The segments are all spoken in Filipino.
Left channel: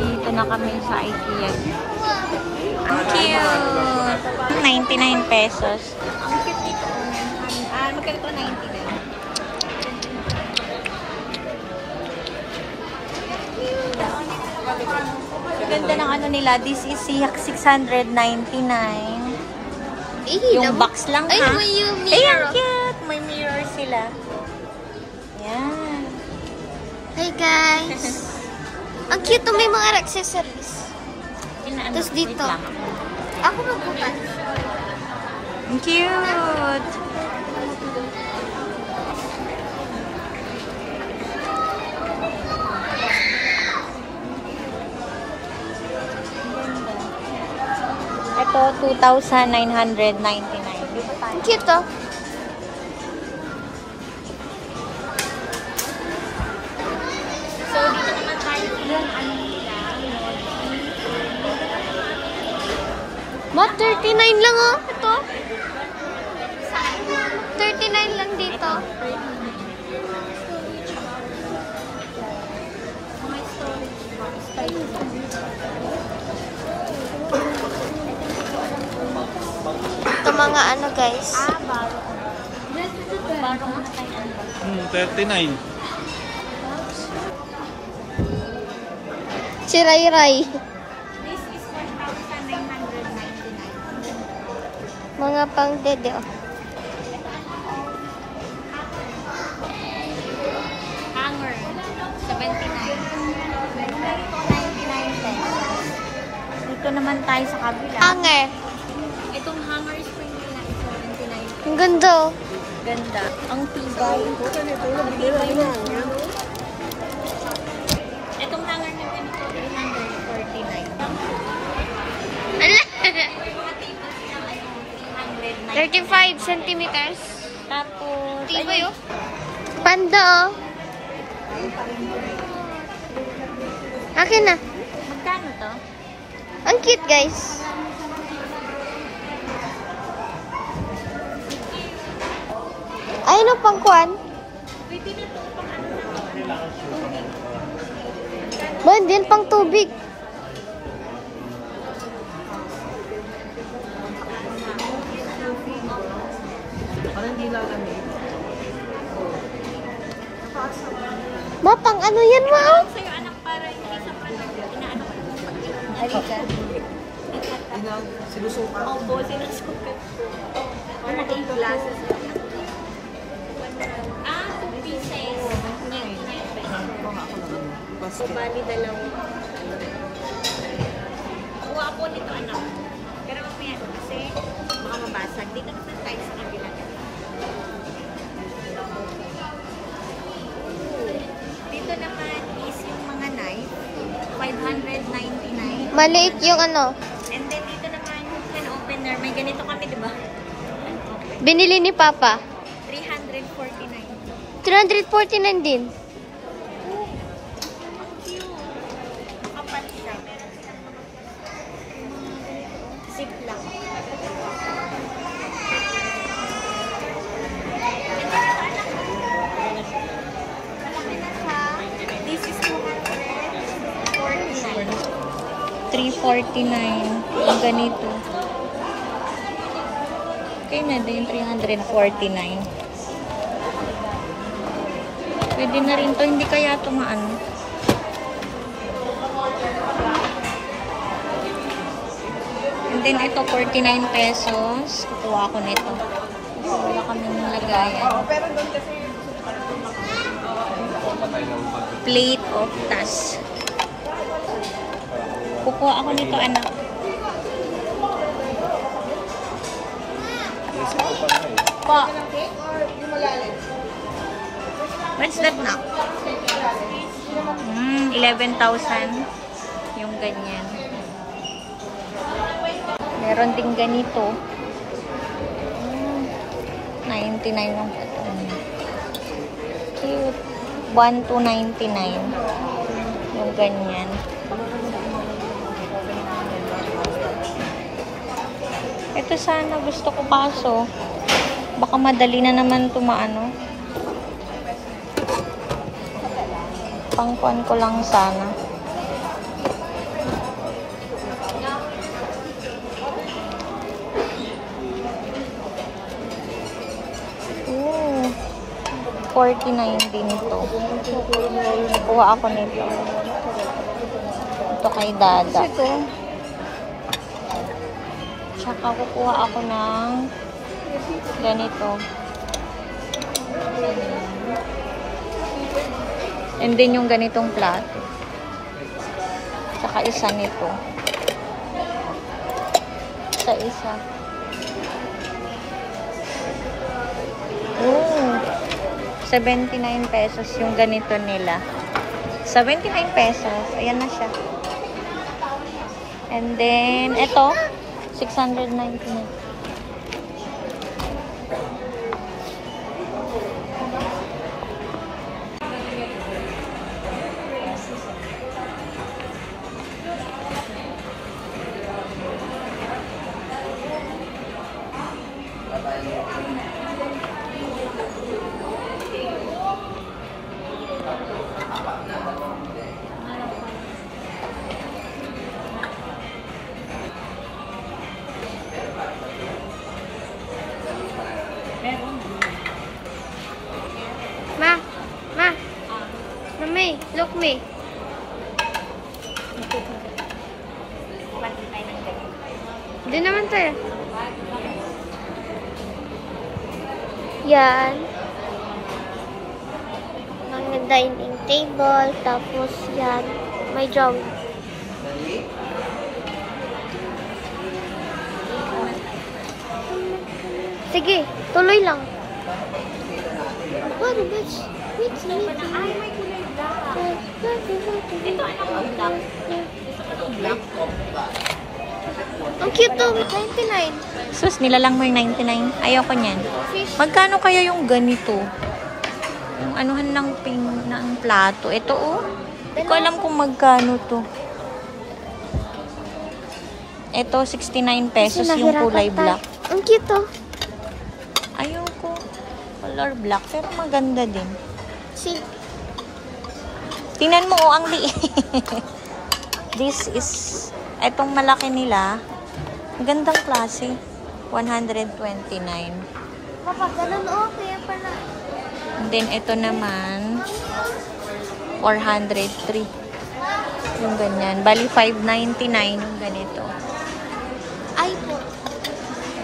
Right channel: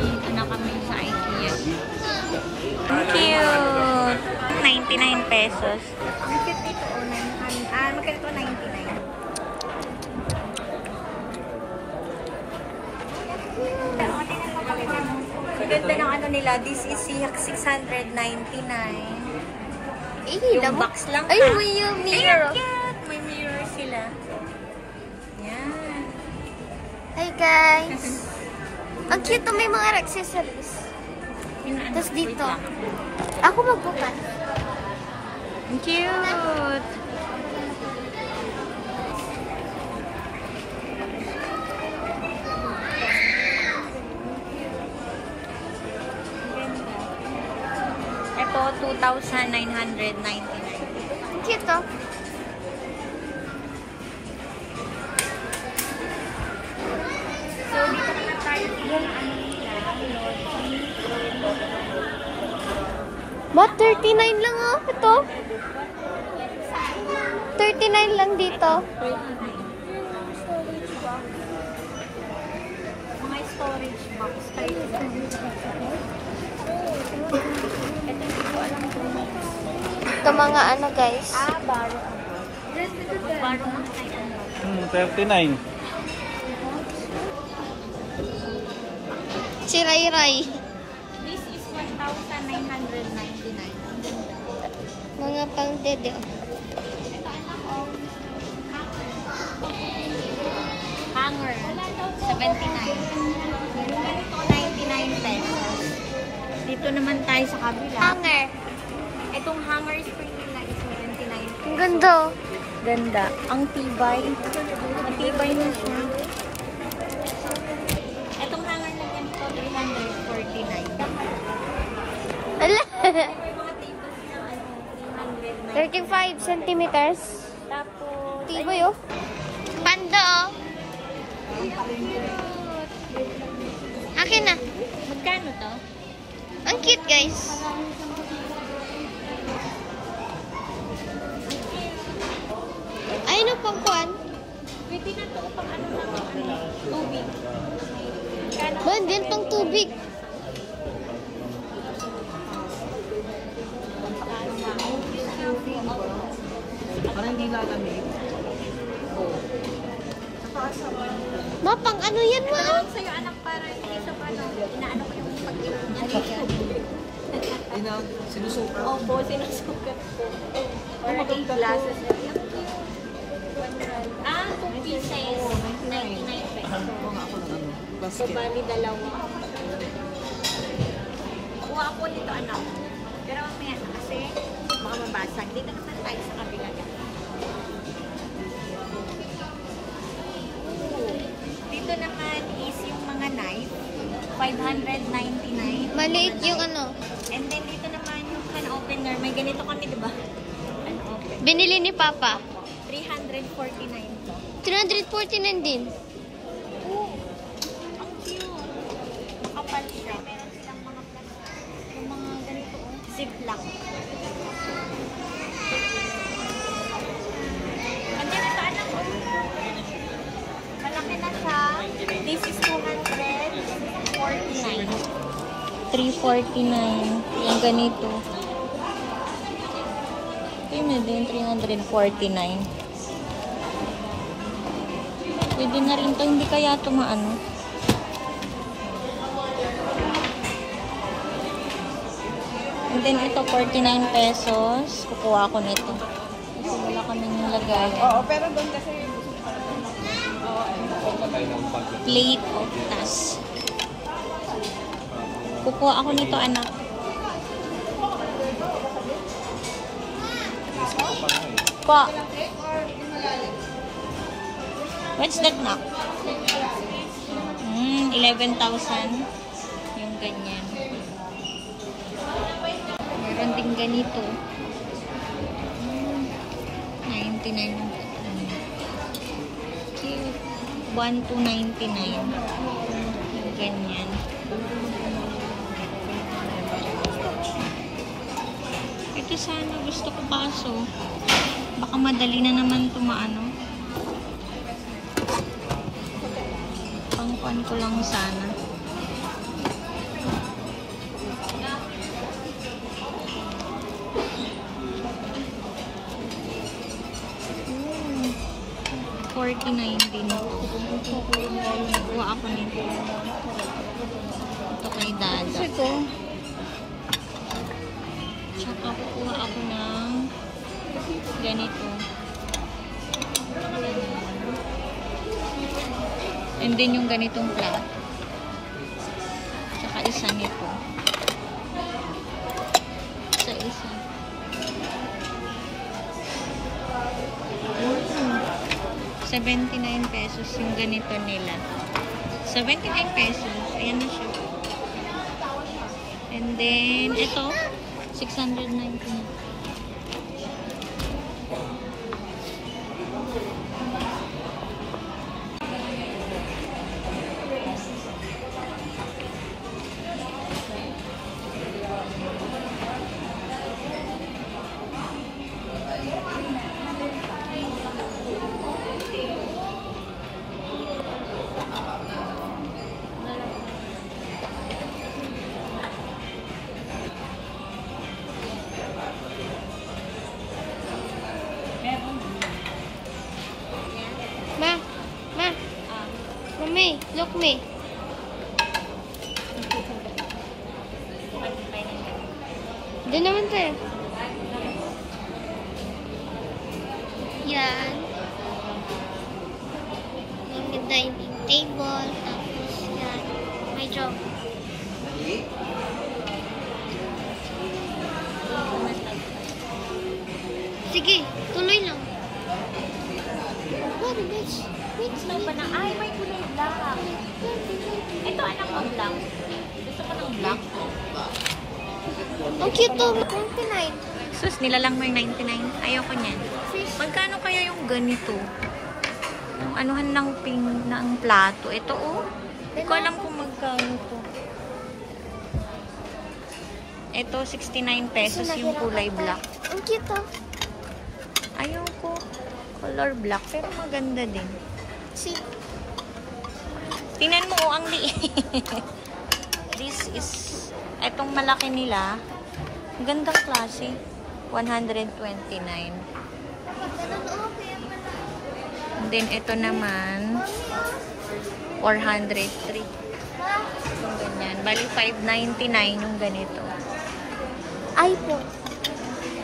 Dito na kami sa IKEA. Ang cute! 99 pesos. Ang cute dito, 900. Magkano 99? Ganda ng ano nila. This is 699. Yung box lang. Ay, may mirror. Ay, cute! May mirror sila. Yan. Hi guys! Ang cute to, may mga accessories. Tapos dito. Ako magbukas. Ang cute! Ito, 2,999. Ang cute to. So, dito naman tayo yung ano nila, What? 39 lang oh. Ito. 39 lang dito. Mga storage box. Ito mga ano guys. Magbaro mo na tayo ano ba? 39. Si Ray Ray. This is 1,999. Mga pang dede oh. Hanger. 79. Ito, 99 pesos. Dito naman tayo sa kabila. Hanger. Itong hanger spring nila is 79. Ang ganda oh. Ganda. Ang tibay. Ang tibay na. Itong hanger na ganito, 349. Ala. May mga tables na ano, 399. 35 centimeters. Tapos, Tibay oh. Panda oh. Akin na. magkano to? Ang cute guys. Ay, no, pangkuan. Pwede na to pang ano na, tubig. Ba, din pang tubig. Parang hindi lalamig. Ma, pang ano yan ma? Sa'yo anak para hindi sa ano, inaano ko yung pag-iwan. Sinusuka. Opo, sinusukat. Para yung glasses. Ah, 2 pieces. 99 pesos. Oo nga ako ng ano. So, Basket. bali dalawa. Kuha po nito anak. Pero mamaya kasi baka mabasag. Dito naman tayo sa kabila. Dito naman is yung mga knife. 599. Maliit yung ano. And then dito naman yung can opener. May ganito kami, di ba? Can open. Binili ni Papa. 349. 349 din. Ang cute. Makapal siya. Meron silang mga plastic. Yung mga ganito. Ziplock. And then ito anak ko. Malaki na siya. This is 249. 349. Yung ganito. Okay na din, 349. Pwede na rin to, hindi kaya tumaan. And then ito, 49 pesos. Kukuha ko nito. Kasi wala kaming lagayan. Plate of tas. Kukuha ako nito, anak. Po. What's that now? 11,000. Yung ganyan. Meron din ganito. 99 lang ito. Cute. 1,299. Yung ganyan. Ito sana gusto ko kaso. Baka madali na naman tumaano. Pangkuan ko lang sana. 49 din ito. Kuha ako nito. Ito kay Dada. Tsaka kukuha ako ng ganito. And then yung ganitong flat. Tsaka isa nito. Isa. Oh, 79 pesos yung ganito nila. 79 pesos. Ayan na siya. And then, ito, 699. Mami, look me. Doon naman tayo. Yan. Mga dining table. Tapos yan. May job. Sige, tuloy lang. What is wait. Ay, may kulay black. Ito, anak mo black. Gusto ko ng black. Ang cute to. 99. Sus, nilalang mo yung 99. Ayoko niyan. Magkano kaya yung ganito? Yung anuhan ng ng plato. Ito, oh. Hindi ko alam kung magkano to. Ito, 69 pesos yung kulay black. Ang cute to. Ayoko. Color black, pero maganda din. See? Tingnan mo, oh, ang liit. This is, etong malaki nila. Gandang klase. 129. Papa, ganun o. Kaya pala. And then, ito naman, 403. Yung ganyan. Bali, 599 yung ganito. Ay po.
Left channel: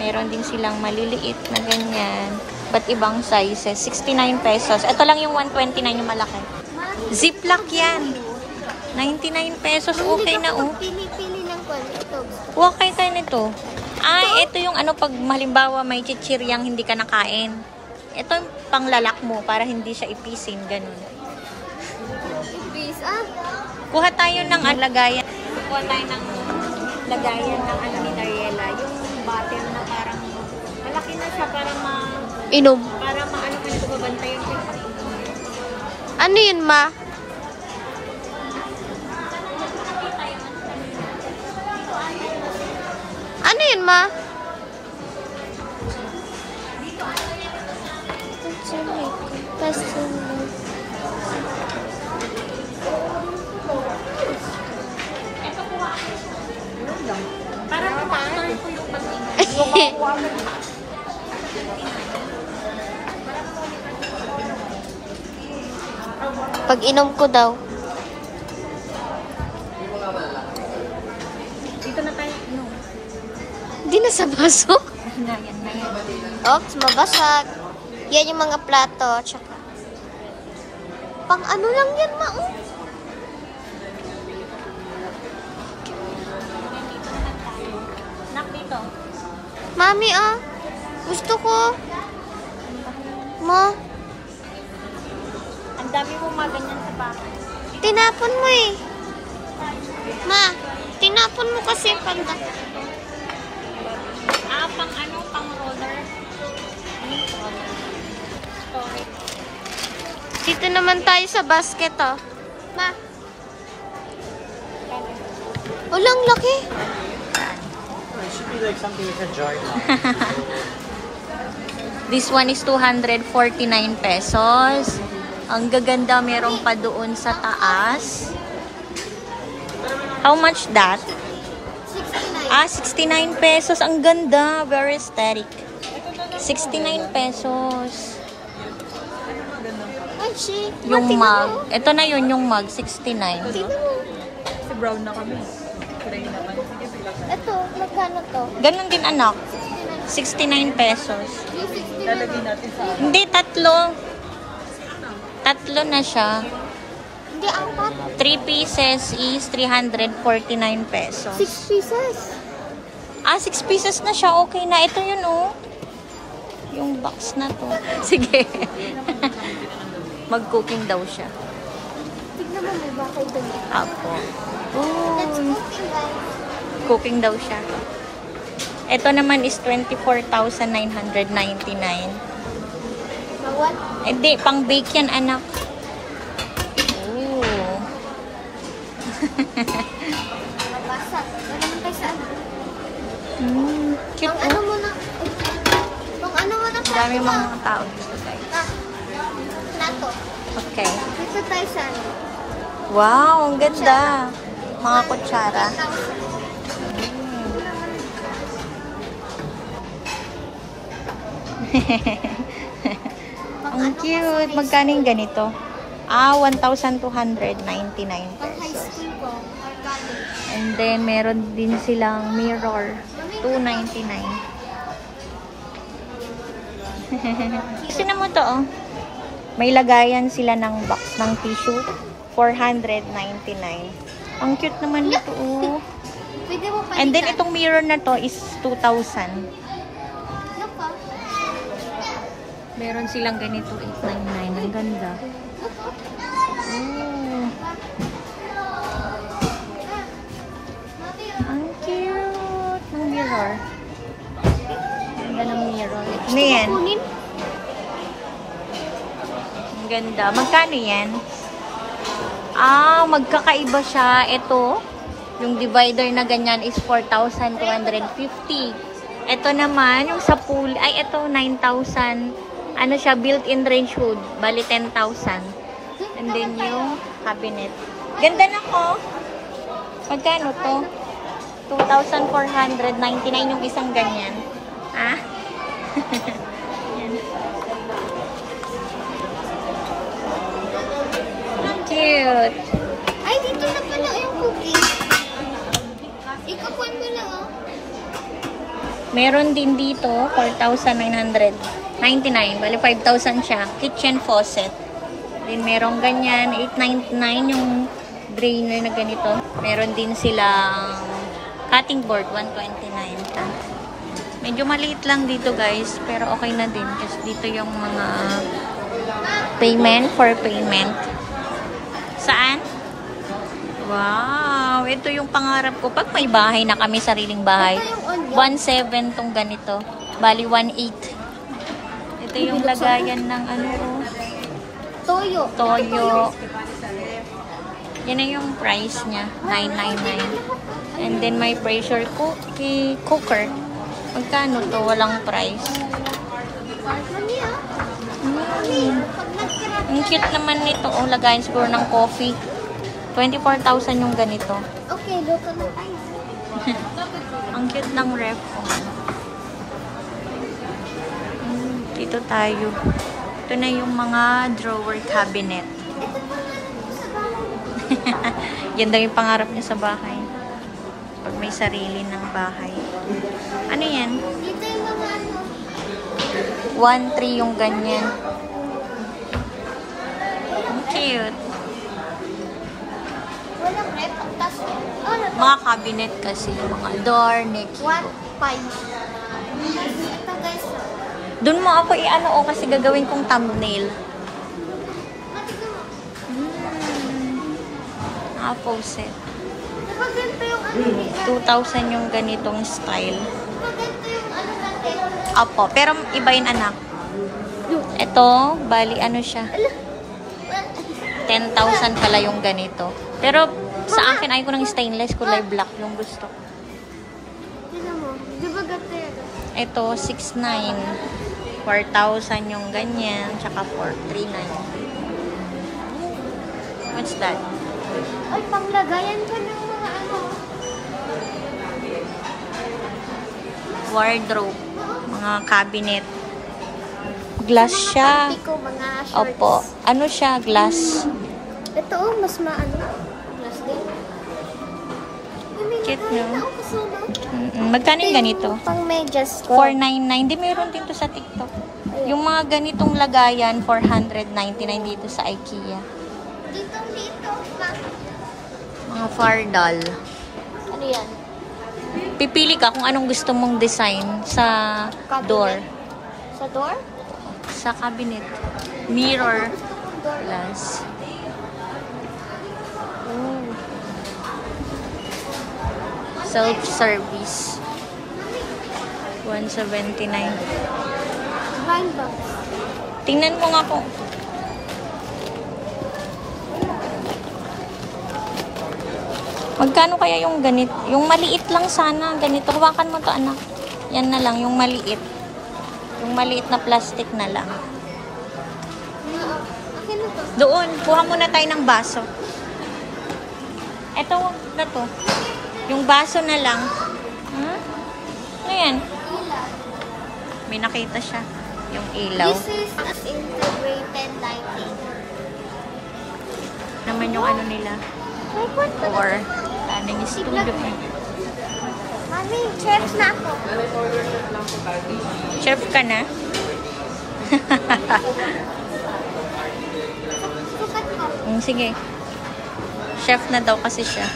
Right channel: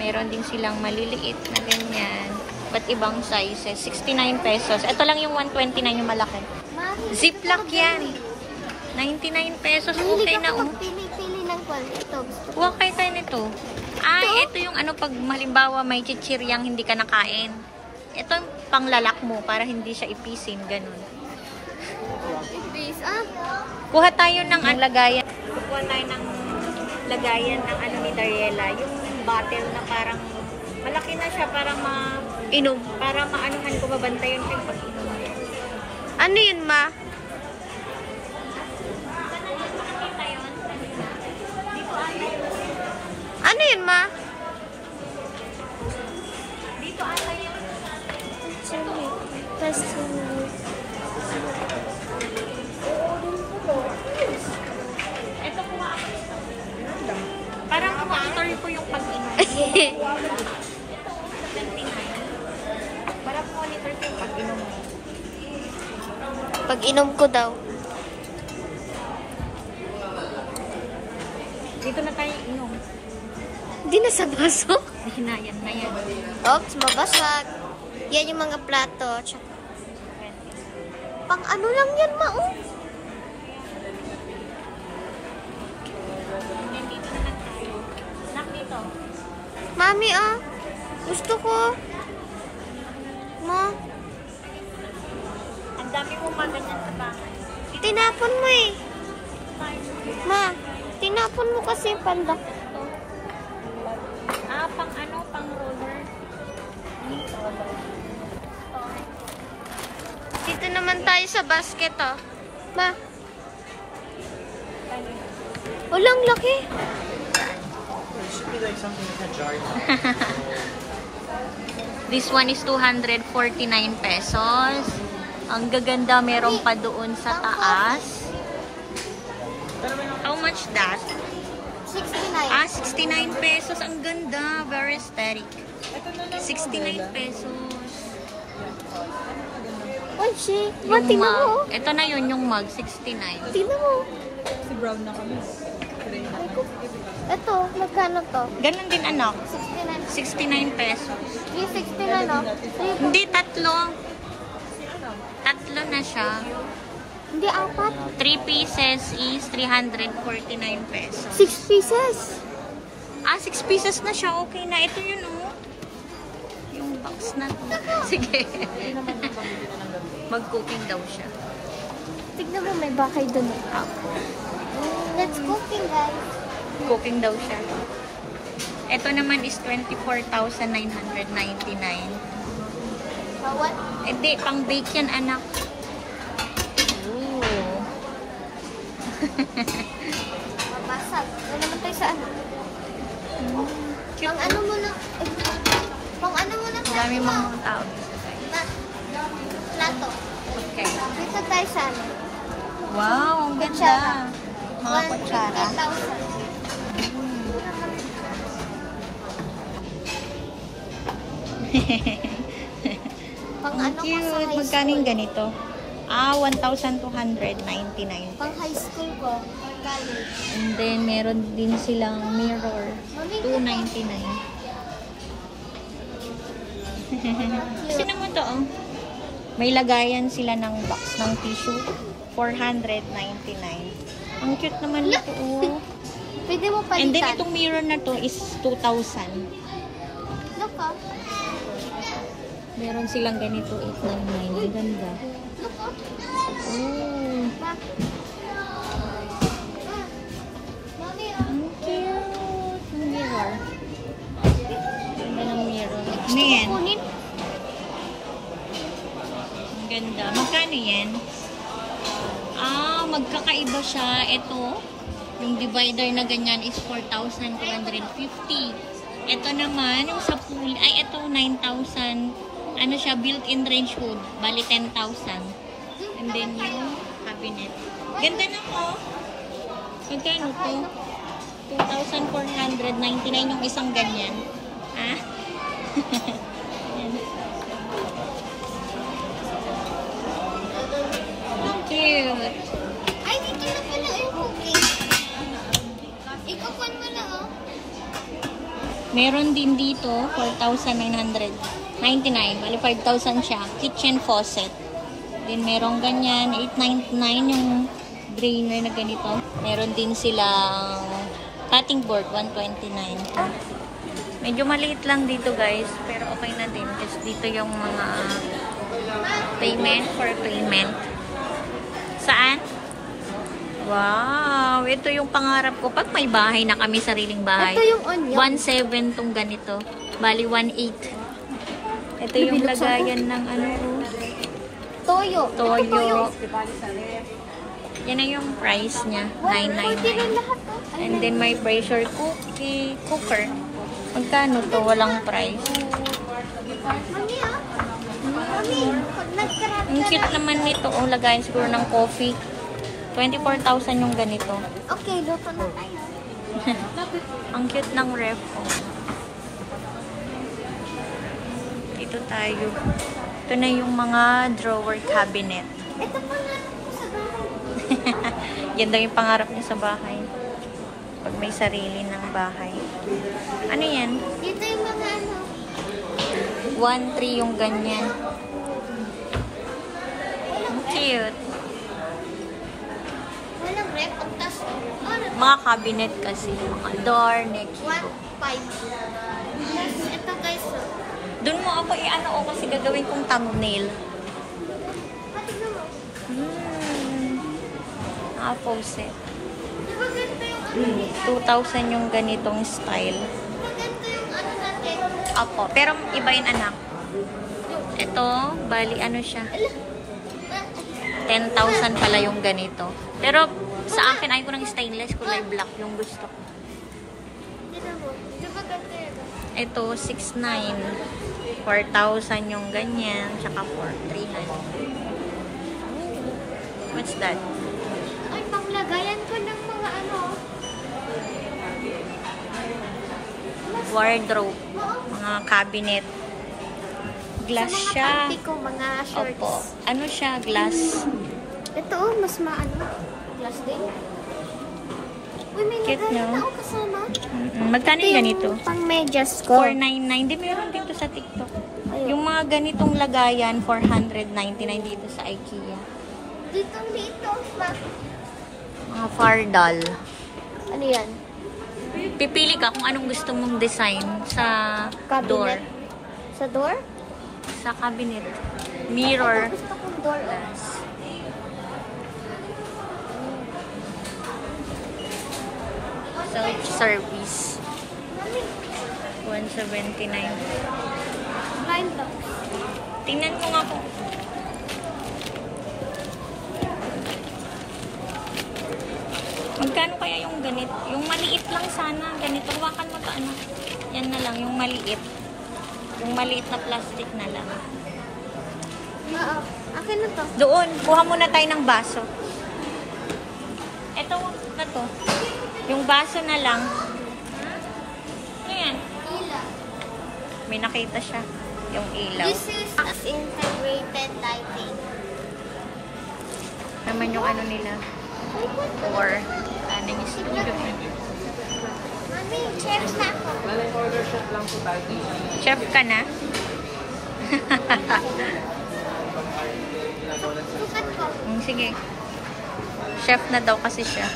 Meron din silang maliliit na ganyan. Ba't ibang sizes? 69 pesos. Ito lang yung 129 yung malaki. Ziplock yan. 99 pesos. Okay na, oh. Pili-pili ng ito. Huwag kayo tayo nito. Ah, ito yung ano pag halimbawa may chichiryang hindi ka nakain. Ito yung panglalak mo para hindi siya ipisin. Ganun. Please, Kuha tayo ng lagayan. Kuha tayo ng lagayan ng ano ni Dariela. Yung bottle na parang malaki na siya para Inom. para maanuhan ko babantayan ko yung pag-inom. Ano yun, ma? Ano yun, ma? Dito ata yan. Ito kuha ako. Para ma-monitor ko yung pag-inom. Para ma-monitor ko yung pag-inom. Pag inom ko daw. Dito na tayo inom. Hindi na sa pasok. Hinayan na yan. Oops, mabasag. Yan yung mga plato. Tsaka. Pang ano lang yan, ma? Nak dito. Mami, gusto ko. Ma, Ang dami mo ganyan sa bahay. tinapon mo eh. Ma, tinapon mo kasi panda. Ah, pang ano? Pang roller? Roller. Dito naman tayo sa basket, Ma. Walang laki. It should be like something you can jar. This one is 249 pesos. Ang gaganda, meron pa doon sa taas. How much that? 69. Ah, 69 pesos. Ang ganda. Very aesthetic. 69 pesos. Beshi. Yung Tingnan mug. mo. Ito na yun, yung mug, 69. Tingnan mo. Brown na kami. Ito, magkano to? Ganon din, anak. 69. 69 pesos. Yung 69 na. Hindi, tatlo. Tatlo na siya. Hindi, apat. 3 pieces is 349 pesos. 6 pieces. 6 pieces na siya. Okay na. Ito yun, oh. Yung box na to. Sige. Mag-cooking daw siya. Tignan mo, may bakay dun. Apo. Let's Ooh. cooking, guys. Cooking daw siya. Ito naman is 24,999. Bawat. Hindi, pang bake yan, anak. Ooh. Mabasa. Wala naman tayo sa ano. Cute, Pang ano oh. muna. Pang ano muna. Dami mga tao dito, guys. Plato. Okay. Dito tayo sa ano. Wow, ang ganda. Mga kutsara. 1,000. Pang Ang ano ko sa cute. high Magkano yung school. ganito? 1,299 Pang pesos. high school ko. Or college. And then, meron din silang mirror. 299. Gusto na mo to, oh. May lagayan sila ng box ng tissue. 499. Ang cute naman nito, oh. Pwede mo palitan. And then, itong mirror na to is 2,000. Ano pa? Meron silang ganito, 899. Ang ganda. Oh. Ang cute ng mirror. Ganda ng mirror. Ano yan? Kunin. Ang ganda. Magkano yan? Magkakaiba siya. Ito, yung divider na ganyan is 4,250. Ito naman, yung sa pool, ay ito, 9,000. Ano siya, built-in range hood. Bali, 10,000. And then yung cabinet. Ganda na ko. Magkano to? 2,499 yung isang ganyan. Ha? Yan. Cute. Ay, dito na pala yung cooking. Ikapuan mo lang, oh. Meron din dito, 4,999. Bali, 5,000 siya. Kitchen faucet. Then, meron ganyan. 899 yung drainer na ganito. Meron din silang cutting board, 129. Medyo maliit lang dito, guys. Pero okay na din. Kasi dito yung mga payment for payment. Saan? Wow! Ito yung pangarap ko. Pag may bahay na kami, sariling bahay. Ito yung onion. 1,700 tong ganito. Bali, 1,800. Ito yung lagayan ng ano, oh. Toyo. Toyo. Yan na yung price niya. 999. And then, may pressure cooker. Magkano to? Walang price. Mami, ah. Pag nagkarap. Ang cute naman nito. Oh, lagayan siguro ng coffee. 24,000 yung ganito. Okay, luto na tayo. Ang cute ng ref. Oh. Dito tayo. Ito na yung mga drawer cabinet. Ito pa nga sa bahay. Yan daw yung pangarap niya sa bahay. Pag may sarili ng bahay. Ano yan? Dito yung mga ano. 1,300 yung ganyan. Ang cute. Walang rep. Ang tas. Mga cabinet kasi. Mga door, nekibo. 1,500. Tapos ito, guys. Doon mo ako i-ano o kasi gagawin kong thumbnail. Naka-faucet. Maganda yung ano. 2,000 yung ganitong style. Maganda yung ano natin. Apo, pero iba yun anak. Ito, bali ano siya. 10,000 pala yung ganito. Pero sa akin, ayaw ko ng stainless, kulay black yung gusto ko. Tignan mo. Di ba ganda yun? Ito, 6,900. 4,000 yung ganyan, tsaka 4,399. What's that? Ay, panglagayan ko ng mga ano. Wardrobe, mga cabinet. Glass Sa mga siya. panty ko, mga shorts. Opo. Ano siya? Glass. Ito, mas maano. Glass din. Uy, may Cute, nagalit no? ako kasama. Magkano yung ganito? Pang medyas ko. 499. Di meron din to sa TikTok. Yung mga ganitong lagayan, 499 dito sa IKEA. Dito. Mga fardal. Ano yan? Pipili ka kung anong gusto mong design sa Cabinet. door. Sa door? Sa cabinet. Mirror. Door. Glass. Oh. Self-service. 179. Blind box. Tingnan mo nga kung... Magkano kaya yung ganit? Yung maliit lang sana. Ganito. Hawakan mo to, anak. Yan na lang. Yung maliit. Yung maliit na plastic na lang. Akin na to. Doon. Kuha muna tayo ng baso. Ito na to. Yung baso na lang. Ayan. Ilaw. May nakita siya. Yung ilaw. This is integrated lighting. Naman yung ano nila. Wait, what? Or ano yung studio eh. Mami, chef na ako. Chef ka na? Sukat ko. Sige. Chef na daw kasi siya.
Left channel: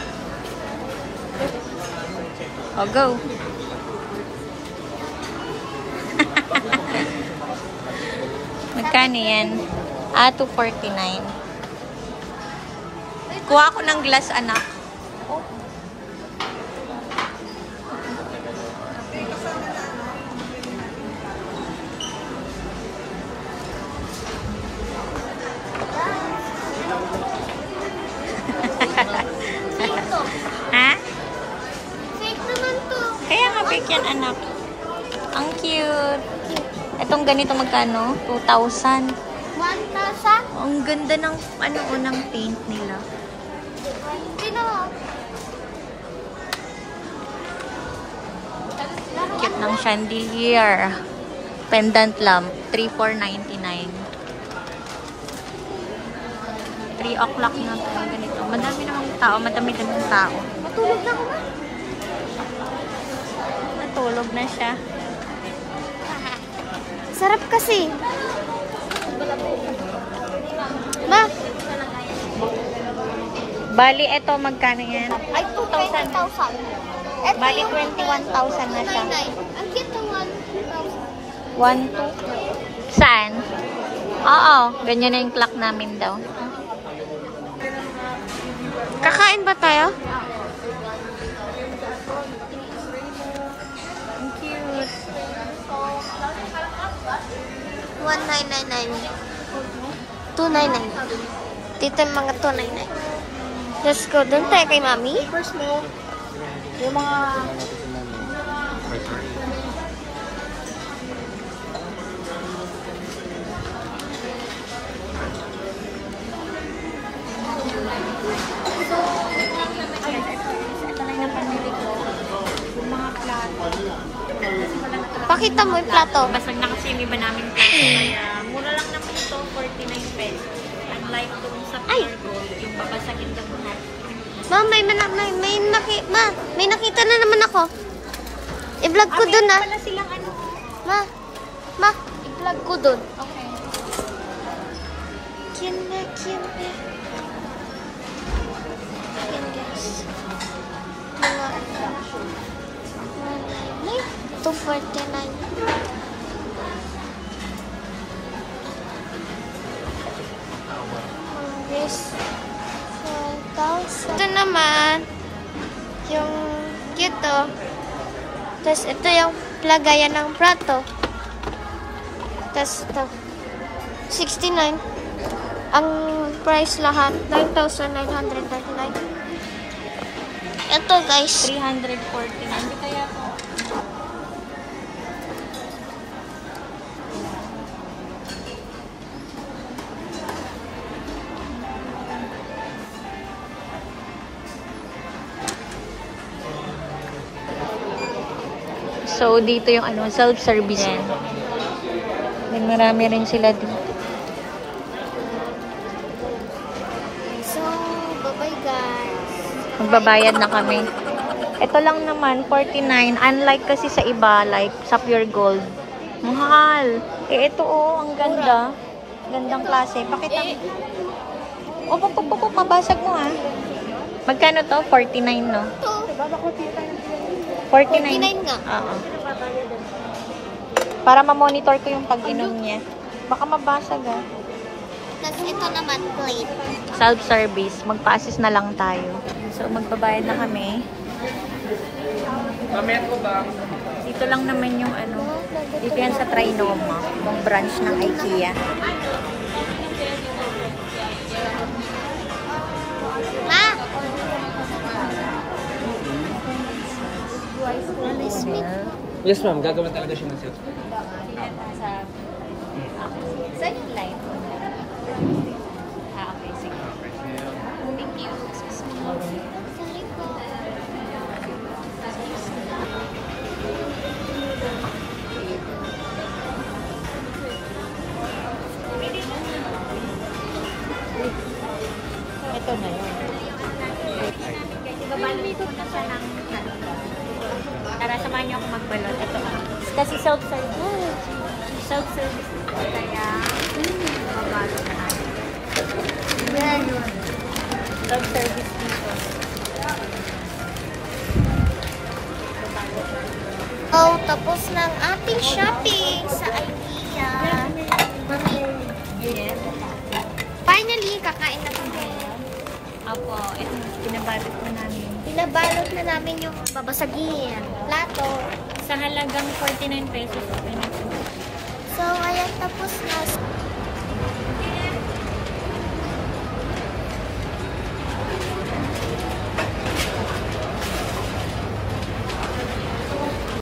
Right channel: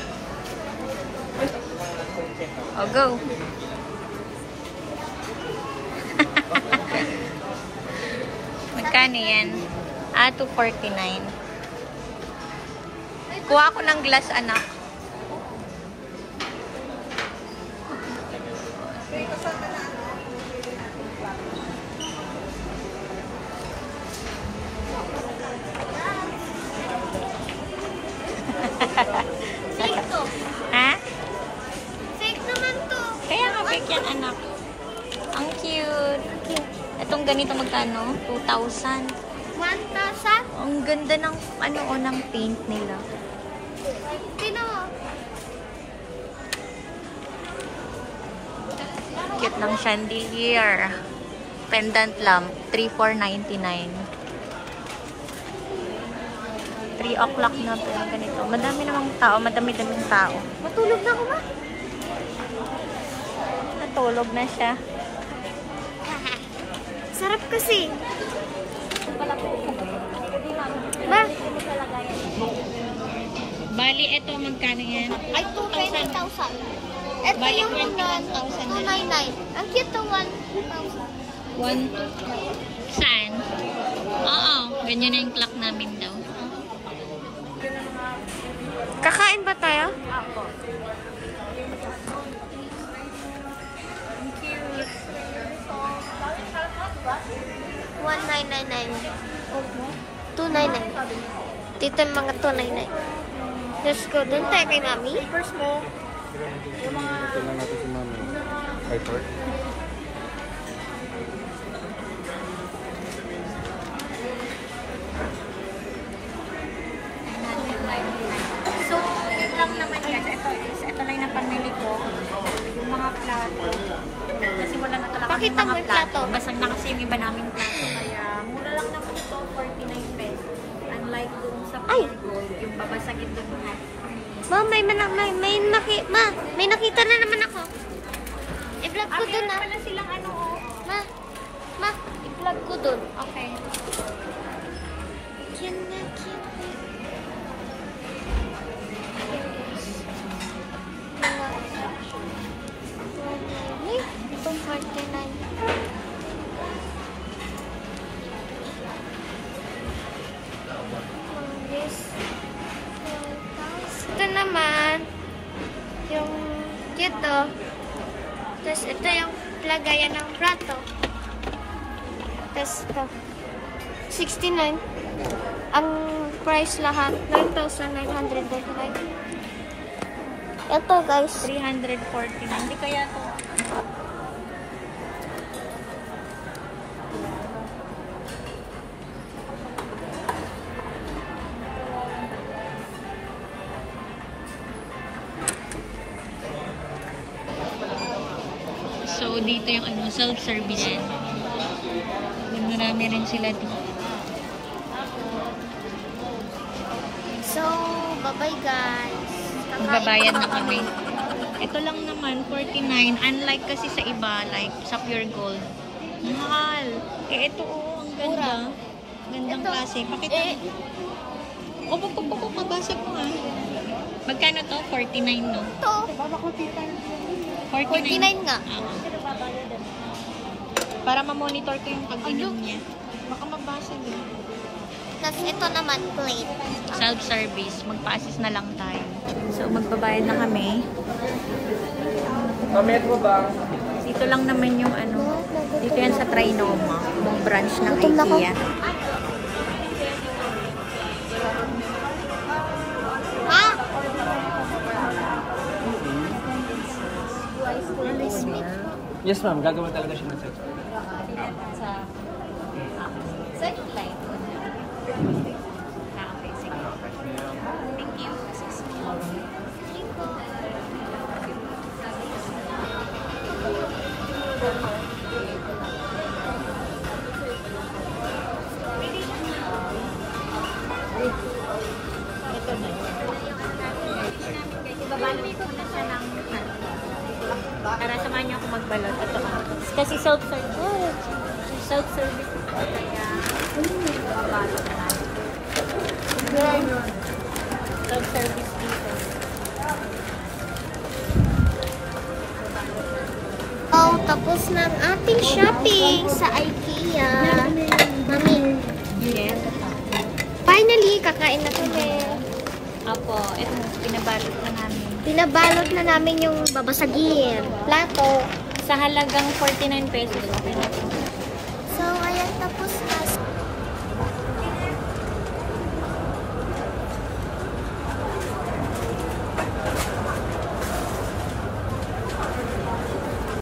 Oh, go. Magkano yan? 249. Kuha ako ng glass, anak. Fake to. Ha? Fake naman to. Kaya nga, fake yan, anak. Ang cute. Itong ganito magkano? 2,000. 1,000? Ang ganda ng ng paint nila. Cute ng chandelier. Pendant lamp. 3,499. 3 o'clock na pero ganito. Madami namang tao. Madami-daming tao. Matulog na ako. Natulog na siya. Sarap kasi. Ma, Bali, eto magkano yan? ay 2,000. Bali, 21,000 na siya. 99. Ang cute ng 1,000. 1, 2. Saan? Oo, ganyan na yung clock namin daw. Kakain ba tayo? Ang cute. 1,999. 299. Dito yung mga 299. Let's go. Doon tayo kay Mami. Yung mga... So, ito lang naman yan. Ito lang yung pamili ko. Yung mga plato. Kasi wala na talaga. Pakita mo yung plato. Basag na kasi yung iba namin plato. Kaya, mura lang naman ito, 49 pesos. Unlike doon sa Ay! Pure Gold, yung babasagin doon mo. Ma, may nakita na naman ako. I-vlog ko doon ah. Wala silang ano. Ma, i-vlog ko doon. Okay. Yan na, yan. Yan guys. Mga 249. Yes. 4,000. Ito naman, yung dito. Tapos ito yung lagayan ng plato. Tapos ito, 69. Ang price lahat, 9,999. Ito guys. 314. Hindi kaya to. So, dito yung self-service. Marami rin sila dito. So, bye-bye guys. Magbabayad na kami. Ito lang naman, 49. Unlike kasi sa iba, like sa Pure Gold. Mahal. Eh, ito oh, ang ganda. Gandang klase. Pakita mo. Oh, mabasag mo ha. Magkano to? 49, no? Ito. 49 nga. Oo. Para ma-monitor ko yung pag-inom niya. Baka mabasag ah. Tapos ito naman, plate. Self-service. Magpa-assist na lang tayo. So, magbabayad na kami. Dito lang naman yung ano. Dito yan sa Trinoma. Yung branch ng IKEA. Ha? Smith. Yes, ma'am. Gagawin talaga siya ng sales. Ito na yun. Ibabalot ko na siya ng Tara, samahan niyo ako magbalot. Ito. Kasi self-service. Self-service. Kaya, mabalot na natin. Yan. Self-service dito. Oh, tapos ng ating shopping sa IKEA. Yes. Finally, kakain na kami. Apo, ito, pinabalot na namin. Pinabalot na namin yung babasagin. Plato. Sa halagang 49 pesos. Okay na. So, ayan, tapos na.